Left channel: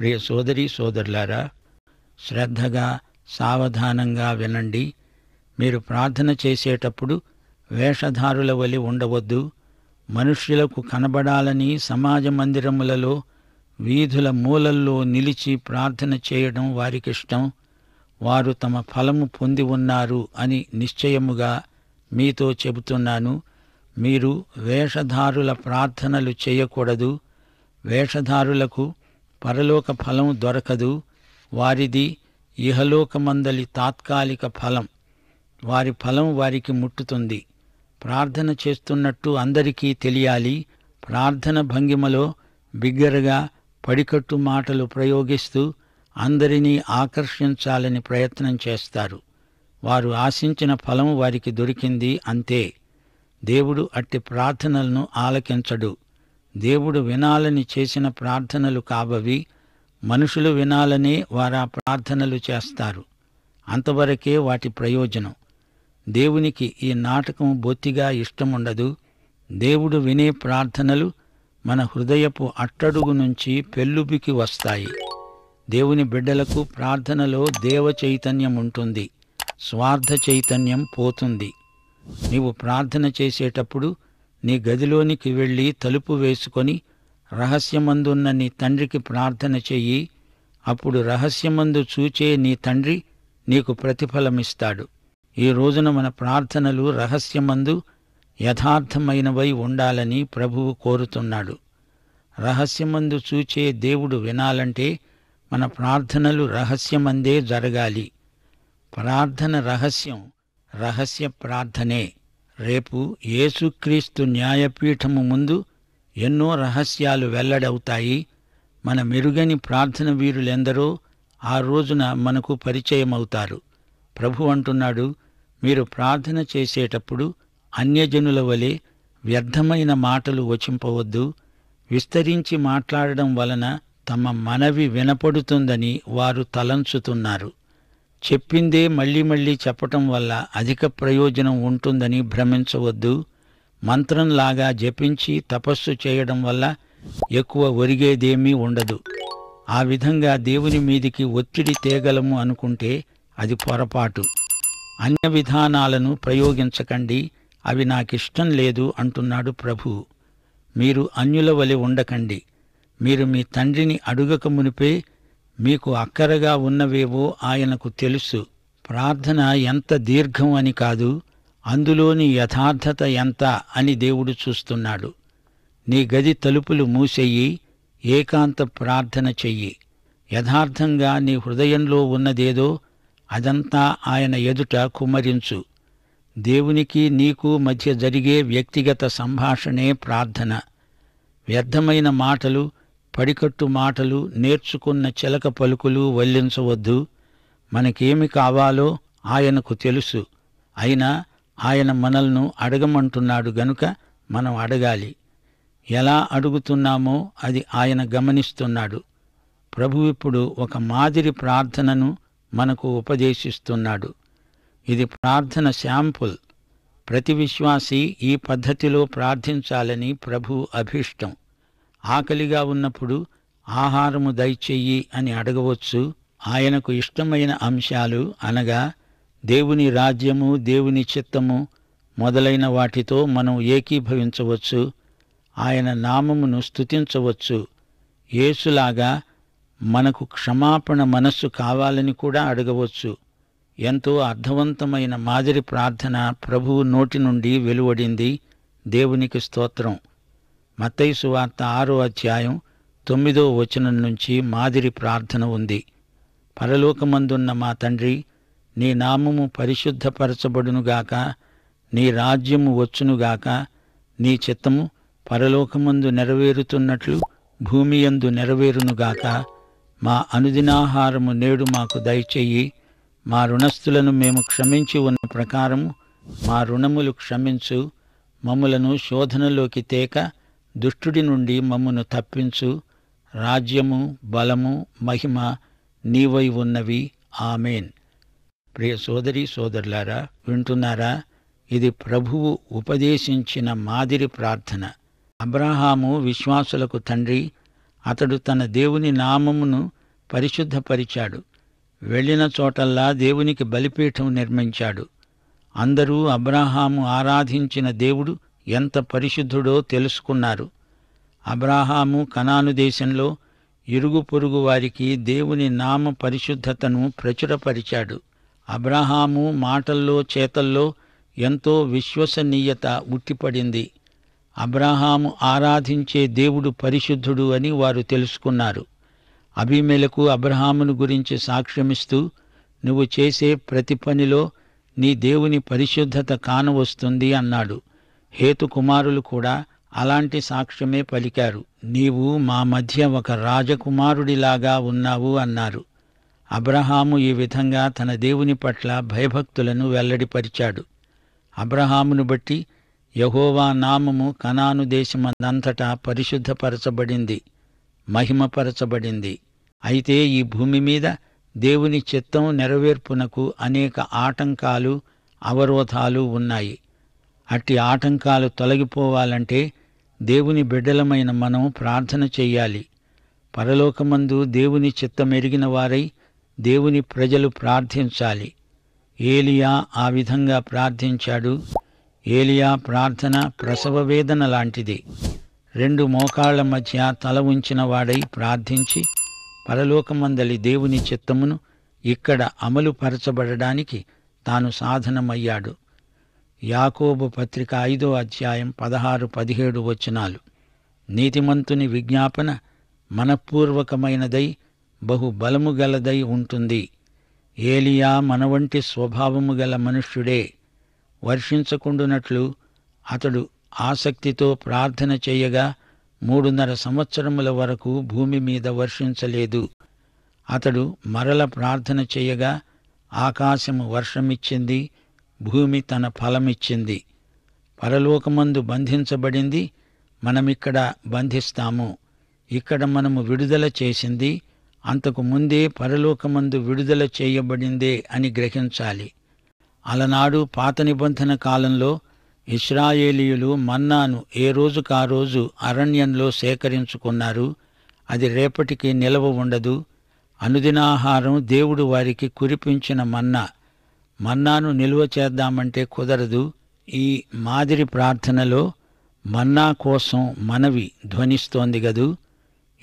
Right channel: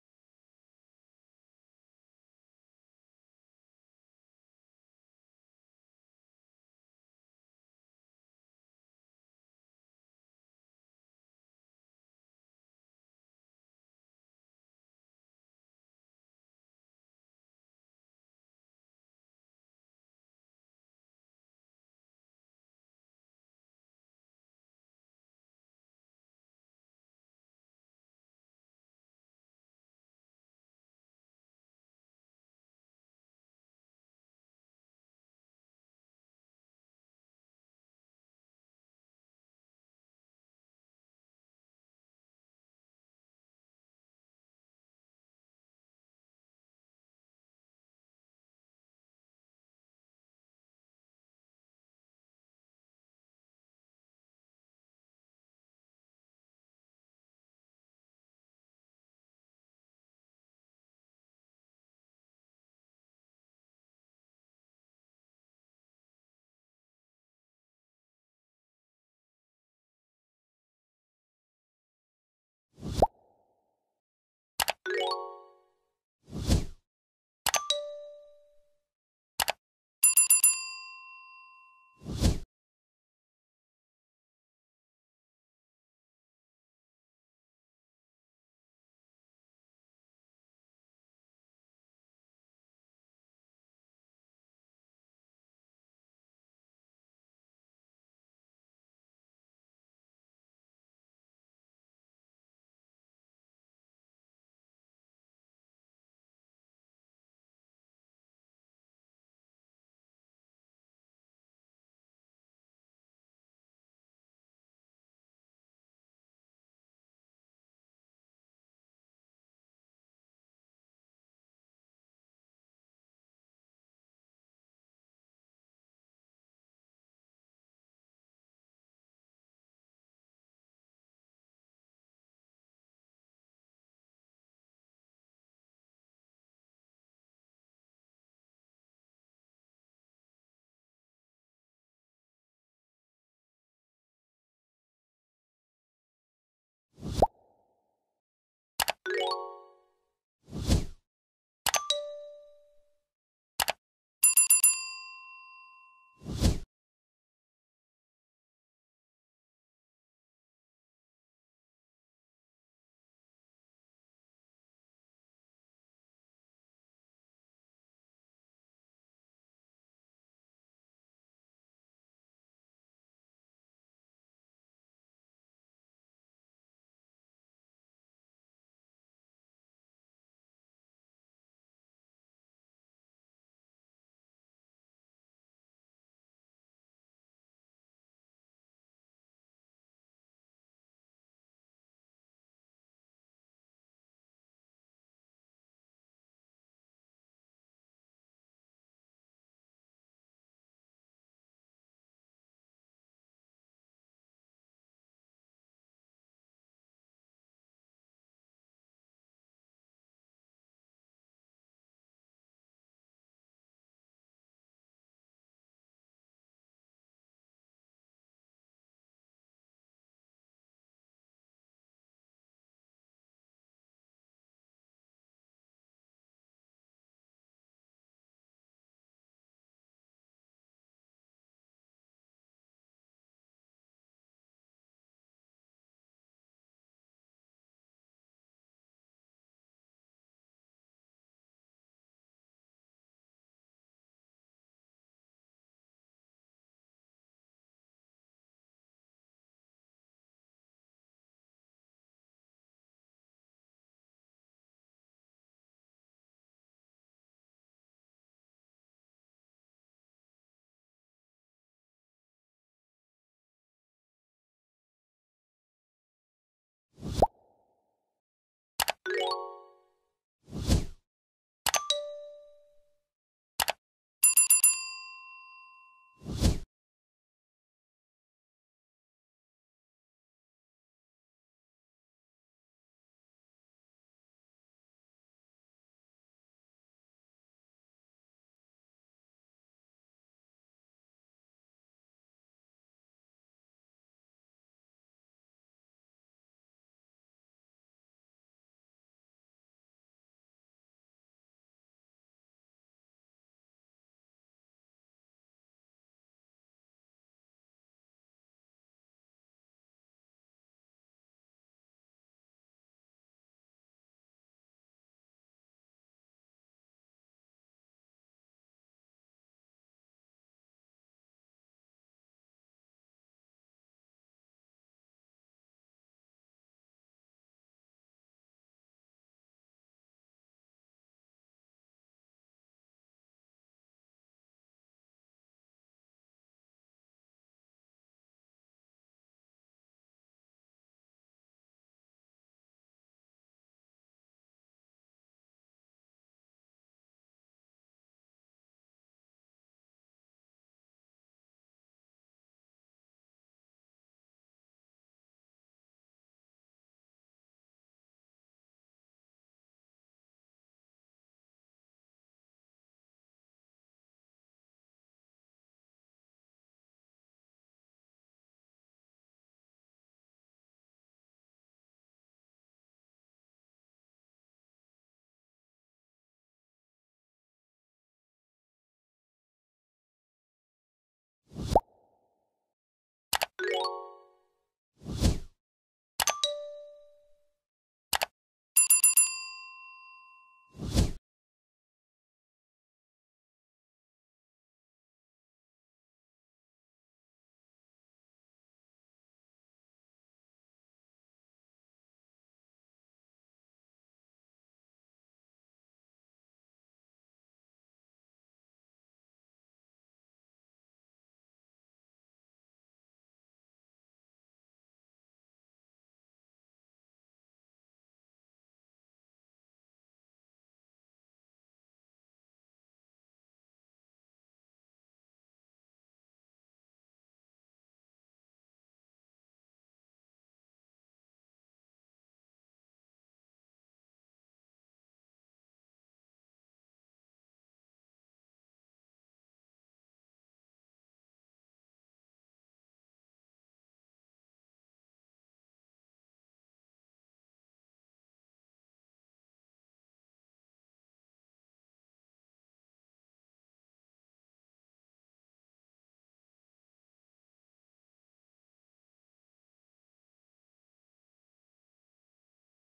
ప్రియ సోదరీ సోదరులారా, శ్రద్ధగా సావధానంగా వినండి. మీరు ప్రార్థన చేసేటప్పుడు వేషధారుల వలె ఉండవద్దు. మనుష్యులకు కనబడాలని సమాజ మందిరములలో వీధుల మూలల్లో నిలిచి ప్రార్థన చేయడం వారికిష్టం. వారు తమ ఫలము పొంది ఉన్నారు అని నిశ్చయముగా మీతో చెబుతున్నాను. మీరు వేషధారుల ప్రార్థనలు చేయకూడదు. వేషధారులకు పరలోక ఫలం దొరకదు. వారిది ఇహలోకమందలి తాత్కాలిక ఫలం. వారి ఫలం వారికి ముట్టుతుంది. ప్రార్థన చేస్తున్నట్టు అందరికీ తెలియాలి. ప్రార్థన భంగిమలో బిగ్గరగా పడికట్టు మాటలు ప్రయోగిస్తూ అందరినీ ఆకర్షించాలని ప్రయత్నం చేస్తారు. వారు ఆశించిన ఫలం వారికి దొరికింది, అంతే. దేవుడు అట్టి ప్రార్థనలను ఆలకించడు. దేవుడు వినాలని చేసిన ప్రార్థనలు కాబవి. మనుషులు వినాలనే వారా ప్రార్థనలు చేస్తారు. అంతవరకే వాటి ప్రయోజనం. దేవునికి ఈ నాటకం బొత్తిగా ఇష్టముండదు. దేవుడు వినే ప్రార్థనలు మన హృదయపు అట్టడుగు నుంచి పెల్లుబికి వస్తాయి. దేవుని బిడ్డలకు ప్రార్థనలో దేవ చైతన్యం ఉంటుంది. స్వార్థ చైతన్యం పోతుంది. నీవు ప్రార్థన చేసేటప్పుడు నీ గదిలోనికి వెళ్ళి తలుపు వేసుకొని రహస్యమందున్న నీ తండ్రికి ప్రార్థన చెయ్యి. అప్పుడు రహస్యమందు చూచే నీ తండ్రి నీకు ప్రతిఫలమిస్తాడు. ఈ రోజున మన ప్రార్థనలు రహస్యమందు యథార్థమైనవై ఉండాలని ప్రభువు కోరుతున్నాడు. రహస్యమందు చూచే దేవుడు వినాలంటే మన ప్రార్థనలు రహస్యమందే జరగాలి. ప్రార్థన రహస్యం, రహస్య ప్రార్థనే. రేపు యేసుక్రీస్తు న్యాయపీఠము ముందు ఎన్నో రహస్యాలు వెల్లడవుతాయి. మన మెరుగని ప్రార్థన వీరులెందరో ఆ రోజున మనకు పరిచయమవుతారు. ప్రభు అంటున్నాడు, మీరు ప్రార్థన చేసేటప్పుడు అన్యజనుల వలె వ్యర్థమైన మాటలు వచింపవద్దు. విస్తరించి మాట్లాడడం వలన తమ మనవి వినపడుతుందని వారు తలంచుతున్నారు. చెప్పిందే మళ్లీ మళ్లీ చెప్పటం వల్ల అధిక ప్రయోజనం ఉంటుందని భ్రమించవద్దు. మంత్రంలాగా జపించి తపస్సు చేయడం వల్ల ఎక్కువ ఒరిగేదేమీ ఉండదు. ఆ విధంగా దేవుని మీదికి ఒత్తిడి తేగలము అనుకుంటే అది పొరపాటు. అన్య విధానాలను ప్రయోగించకండి, అవి నాకిష్టం లేదు అంటున్నాడు ప్రభువు. మీరు అన్యుల వలె ఉండకండి. మీరు మీ తండ్రిని అడుగక మునిపే మీకు అక్కరగా ఉన్నవేవో ఆయనకు తెలుసు. ప్రార్థన ఎంత దీర్ఘం అని కాదు, అందులోని యథార్థత ఎంత అని దేవుడు చూస్తున్నాడు. నీ గది తలుపులు మూసెయ్యి, ఏకాంత ప్రార్థన చెయ్యి. యథార్థంగా నీ హృదయంలో ఉన్నదేదో అదంతా ఆయన ఎదుట కుమ్మరించు. దేవునికి నీకు మధ్య జరిగే వ్యక్తిగత సంభాషణే ప్రార్థన. వ్యర్థమైన మాటలు, పడికట్టు మాటలు, నేర్చుకున్న చిలక పలుకులు వల్లించవద్దు. మనకేమి కావాలో ఆయనకు తెలుసు. అయినా ఆయన మనల్ని అడగమంటున్నాడు గనుక మనం అడగాలి. ఎలా అడుగుతున్నామో అది ఆయన గమనిస్తున్నాడు. ప్రభు ఇప్పుడు ఒక మాదిరి ప్రార్థనను మనకు ఉపదేశిస్తున్నాడు. ఇది ప్రార్థన శాంపుల్. ప్రతి విశ్వాసి ఈ పద్ధతిలో ప్రార్థించాలని ప్రభు అభీష్టం. ఆకలిగా ఉన్నప్పుడు ఆహారము దయచెయ్యి అని అడగవచ్చు. ఆయనకు ఇష్టమైన అంశాలు అనగా దేవుని రాజ్యము, దేవుని చిత్తము మొదలైన వాటితో మనం ఏకీభవించవచ్చు. ఆయన నామమును స్తుతించవచ్చు. యేసులాగా మనకు క్షమాపణ మనస్సు కావాలని కూడా అడగవచ్చు. ఎంతో అర్థవంతమైన మాదిరి ప్రార్థన ప్రభువు నోటి నుండి వెలువడింది. దేవునికి స్తోత్రం. మత్తయి సువార్త 6వ అధ్యాయం 9వ వచనం నుంచి మాదిరి ప్రార్థన ఉంది. పరలోకమందున్న మా తండ్రి, నీ నామము పరిశుద్ధపరచబడునుగాక, నీ రాజ్యము వచ్చునుగాక, నీ చిత్తము పరలోకమందు నెరవేరుతున్నట్లు భూమియందు నెరవేరునుగాక. మా అనుదినాహారము నేడు మాకు దయచెయ్యి. మా రుణస్థులను మేము క్షమించి ఉన్న ప్రకారము మా రుణములు క్షమించు. మమ్ములను శోధనలోకి తేక దుష్టుడి నుండి మమ్మును తప్పించు. రాజ్యము, బలము, మహిమ నీవై ఉన్నవి. ఆమేన్. ప్రియ సోదరీ సోదరులారా, వింటున్నారా? ఇది ప్రభువు ఉపదేశించిన మాదిరి ప్రార్థన. అబ్రాహాము విశ్వాసులకు తండ్రి. అతడు తన దేవుని నామమును పరిశుద్ధపరిచాడు. వెళ్ళిన చోటల్లా దేవునికి బలిపీఠం నిర్మించాడు. అందరూ అబ్రాహాము ఆరాధించిన దేవుడు ఎంత పరిశుద్ధుడో తెలుసుకున్నారు. అబ్రాహాము కనాను దేశంలో ఇరుగు పొరుగు వారికి దేవుని నామ పరిశుద్ధతను ప్రచురపరిచాడు. అబ్రాహాము మాటల్లో చేతల్లో ఎంతో విశ్వసనీయత ఉట్టిపడింది. అబ్రాహాము ఆరాధించే దేవుడు పరిశుద్ధుడు అని వారు తెలుసుకున్నారు. అబీమెలెకు అబ్రాహామును గురించి సాక్ష్యమిస్తూ, నువ్వు చేసే ప్రతి పనిలో నీ దేవుని పరిశుద్ధత కానవస్తుంది అన్నాడు. హేతు కుమారులు కూడా అలాంటి సాక్ష్యమే పలికారు. నీవు మా మధ్య ఒక రాజకుమారుడిలాగా ఉన్నావు అన్నారు. అబ్రహాము ఈ విధంగా తన దేవుని పట్ల భయభక్తులను వెల్లడిపరిచాడు. అబ్రహామును బట్టి యెహోవా నామము కనాను దేశమందంతటా పరిశుద్ధపరచబడింది, మహిమపరచబడింది. అయితే ఈ భూమి మీద దేవుని చిత్తం నెరవేర్పునకు అనేక ఆటంకాలు, అవరోధాలు ఉన్నాయి. అట్టి ఆటంకాలు తొలగిపోవాలంటే దేవుని బిడ్డలమైన మనం ప్రార్థన చెయ్యాలి. పరలోకమందు దేవుని చిత్తమెరిగిన వారై దేవుని ప్రజలు ప్రార్థించాలి. ఏలియా ఆ విధంగా ప్రార్థించాడు. ఏలియా ప్రార్థన ప్రసవ వేదన లాంటిది. 2 మోకాళ్ల మధ్య తల ఉంచిన వాడై ప్రార్థించి పరలోకమందలి దేవుని చిత్తమును ఇక్కడ అమలుపరచబడడానికి తాను సాధనమయ్యాడు. యాకోబు పత్రిక 5వ అధ్యాయం 16-17 వచనాలు. నీతిమంతుని విజ్ఞాపన మనఃపూర్వకమైనదై బహు బలము గలదై ఉంటుంది. ఏలియా మనవంటి స్వభావము గల మనుష్యుడే. వర్షించకుండునట్లు అతడు ఆసక్తితో ప్రార్థన చెయ్యగా 3.5 సంవత్సరముల వరకు భూమి మీద వర్షించలేదు. అతడు మరల ప్రార్థన చెయ్యగా ఆకాశము వర్షమిచ్చింది, భూమి తన ఫలమిచ్చింది. పరలోకమందు బంధించబడింది మనమిక్కడ బంధిస్తాము. ఇక్కడ మనము విడుదల చేసింది అంతకు ముందే పరలోకమందు విడుదల చేయబడిందే అని గ్రహించాలి. అలనాడు పాత నిబంధన కాలంలో ఇశ్రాయేలీయులు మన్నాను ఏ రోజుకా రోజు అరణ్యంలో సేకరించుకున్నారు. అది రేపటికి నిలవ ఉండదు. అనుదినాహారం దేవుడు వారికి కురిపించిన మన్నాను నిలువ చేద్దామంటే కుదరదు. ఈ మాదిరి ప్రార్థనలో మన్నా కోసం మనవి ధ్వనిస్తోంది గదూ.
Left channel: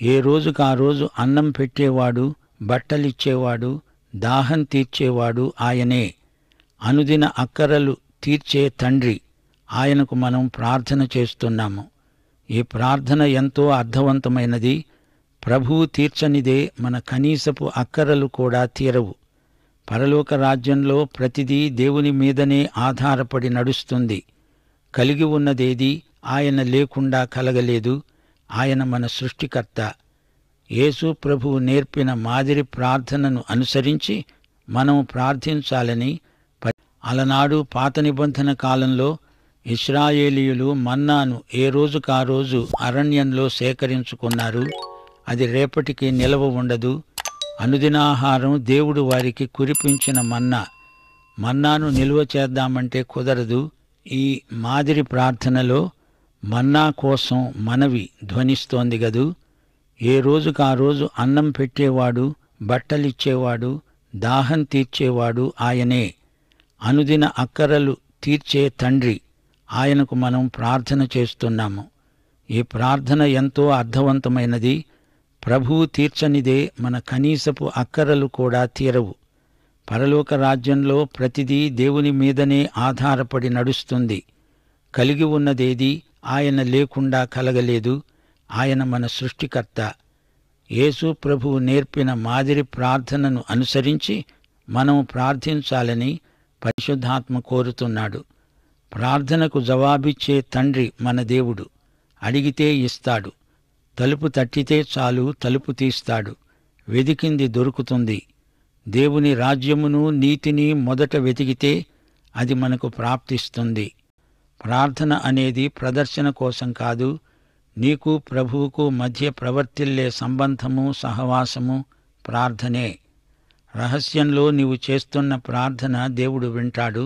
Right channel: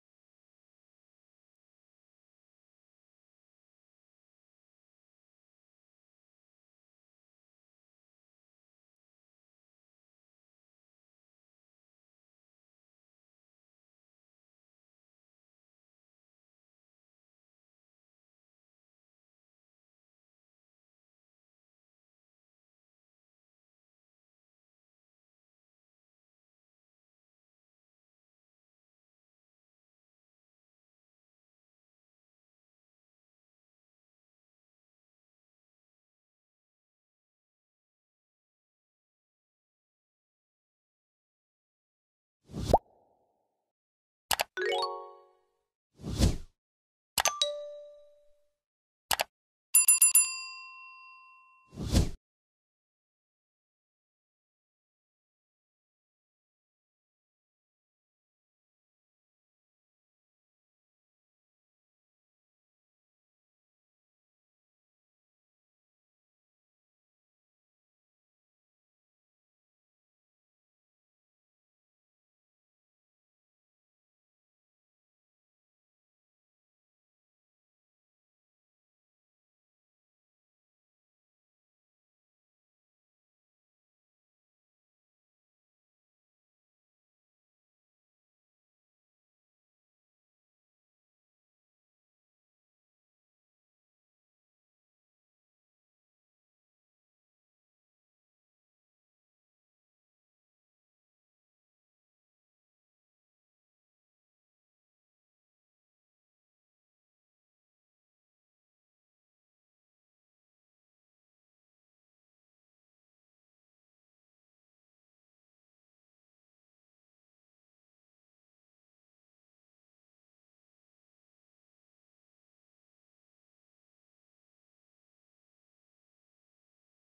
ఏ రోజుకా రోజు అన్నం పెట్టేవాడు, బట్టలిచ్చేవాడు, దాహం తీర్చేవాడు ఆయనే. అనుదిన అక్కరలు తీర్చే తండ్రి ఆయనకు మనం ప్రార్థన చేస్తున్నాము. ఈ ప్రార్థన ఎంతో అర్థవంతమైనది. ప్రభువు తీర్చనిదే మన కనీసపు అక్కరలు కూడా తీరవు. పరలోక రాజ్యంలో ప్రతిదీ దేవుని మీదనే ఆధారపడి నడుస్తుంది. కలిగి ఉన్నదేదీ ఆయన లేకుండా కలగలేదు. ఆయన మన సృష్టికర్త. యేసు ప్రభువు నేర్పిన మాదిరి ప్రార్థనను అనుసరించి మనం ప్రార్థించాలని అలనాడు పాత నిబంధన కాలంలో ఇశ్రాయేలీయులు మన్నాను ఏ రోజుకా రోజు అరణ్యంలో సేకరించుకున్నారు. అది రేపటికి నిలవ ఉండదు. అనుదినాహారం దేవుడు వారికి కురిపించిన మన్నాను నిలువ చేద్దామంటే కుదరదు. ఈ మాదిరి ప్రార్థనలో మన్నా కోసం మనవి ధ్వనిస్తోంది గదూ. ఏ రోజుకా రోజు అన్నం పెట్టేవాడు, బట్టలిచ్చేవాడు, దాహం తీర్చేవాడు ఆయనే. అనుదిన అక్కరలు తీర్చే తండ్రి ఆయనకు మనం ప్రార్థన చేస్తున్నాము. ఈ ప్రార్థన ఎంతో అర్థవంతమైనది. ప్రభువు తీర్చనిదే మన కనీసపు అక్కరలు కూడా తీరవు. పరలోక రాజ్యంలో ప్రతిదీ దేవుని మీదనే ఆధారపడి నడుస్తుంది. కలిగి ఉన్నదేదీ ఆయన లేకుండా కలగలేదు. ఆయన మన సృష్టికర్త. యేసు ప్రభువు నేర్పిన మాదిరి ప్రార్థనను అనుసరించి మనం ప్రార్థించాలని పరిశుద్ధాత్మ కోరుతున్నాడు. ప్రార్థనకు జవాబిచ్చే తండ్రి మన దేవుడు. అడిగితే ఇస్తాడు. తలుపు తట్టితే చాలు తలుపు తీస్తాడు. వెదికింది దొరుకుతుంది. దేవుని రాజ్యమును నీతిని మొదట వెతికితే అది మనకు ప్రాప్తిస్తుంది. ప్రార్థన అనేది ప్రదర్శన కోసం కాదు. నీకు ప్రభువుకు మధ్య ప్రవర్తిల్లే సంబంధము, సహవాసము ప్రార్థనే. రహస్యంలో నీవు చేస్తున్న ప్రార్థన దేవుడు వింటాడు.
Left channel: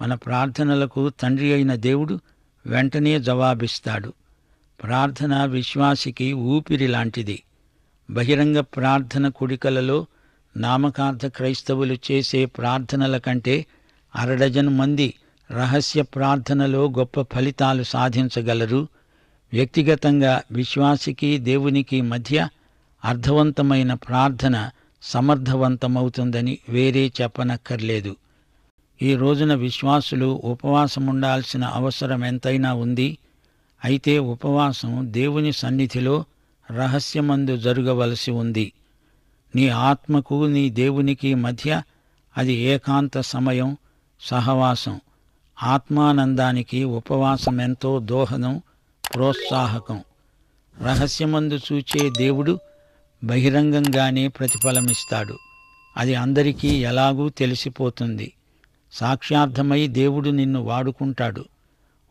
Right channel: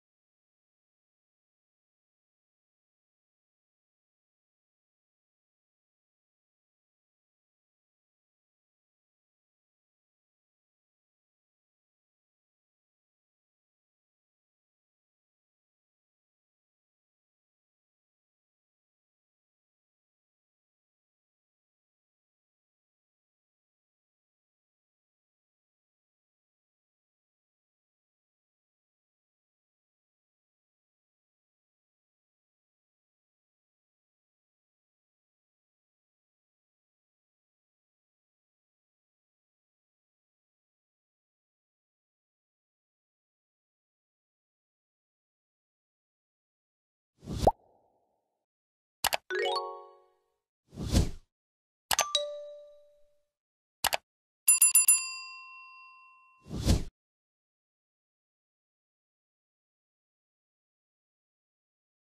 మన ప్రార్థనలకు తండ్రి అయిన దేవుడు వెంటనే జవాబిస్తాడు. ప్రార్థన విశ్వాసికి ఊపిరి లాంటిది. బహిరంగ ప్రార్థన కూడికలలో నామకార్థ క్రైస్తవులు చేసే ప్రార్థనల కంటే అరడజను మంది రహస్య ప్రార్థనలో గొప్ప ఫలితాలు సాధించగలరు. వ్యక్తిగతంగా విశ్వాసికి దేవునికి మధ్య అర్థవంతమైన ప్రార్థన సమర్థవంతమవుతుందని వేరే చెప్పనక్కర్లేదు. ఈ రోజున విశ్వాసులు ఉపవాసముండాల్సిన అవసరం ఎంతైనా ఉంది. అయితే ఉపవాసం దేవుని సన్నిధిలో రహస్యమందు జరగవలసి ఉంది. నీ ఆత్మకు నీ దేవునికి మధ్య అది ఏకాంత సమయం, సహవాసం. ఆత్మానందానికి ఉపవాసం ఎంతో దోహదం, ప్రోత్సాహకం. రహస్యమందు చూచే దేవుడు బహిరంగంగానే ప్రతిఫలమిస్తాడు. అది అందరికీ ఎలాగూ తెలిసిపోతుంది. సాక్ష్యార్థమై దేవుడు నిన్ను వాడుకుంటాడు.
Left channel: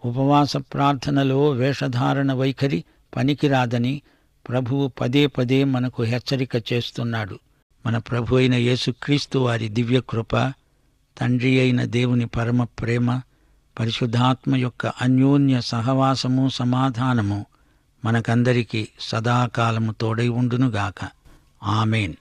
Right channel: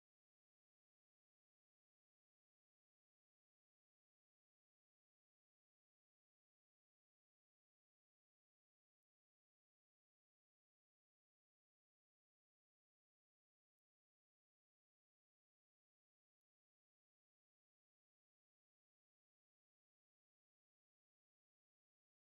ఉపవాస ప్రార్థనలో వేషధారణ వైఖరి పనికిరాదని ప్రభువు పదే పదే మనకు హెచ్చరిక చేస్తున్నాడు. మన ప్రభు అయిన యేసుక్రీస్తు వారి దివ్యకృప, తండ్రి అయిన దేవుని పరమ ప్రేమ, పరిశుద్ధాత్మ యొక్క అన్యోన్య సహవాసము, సమాధానము మనకందరికీ సదాకాలము తోడై ఉండునుగాక. ఆమేన్.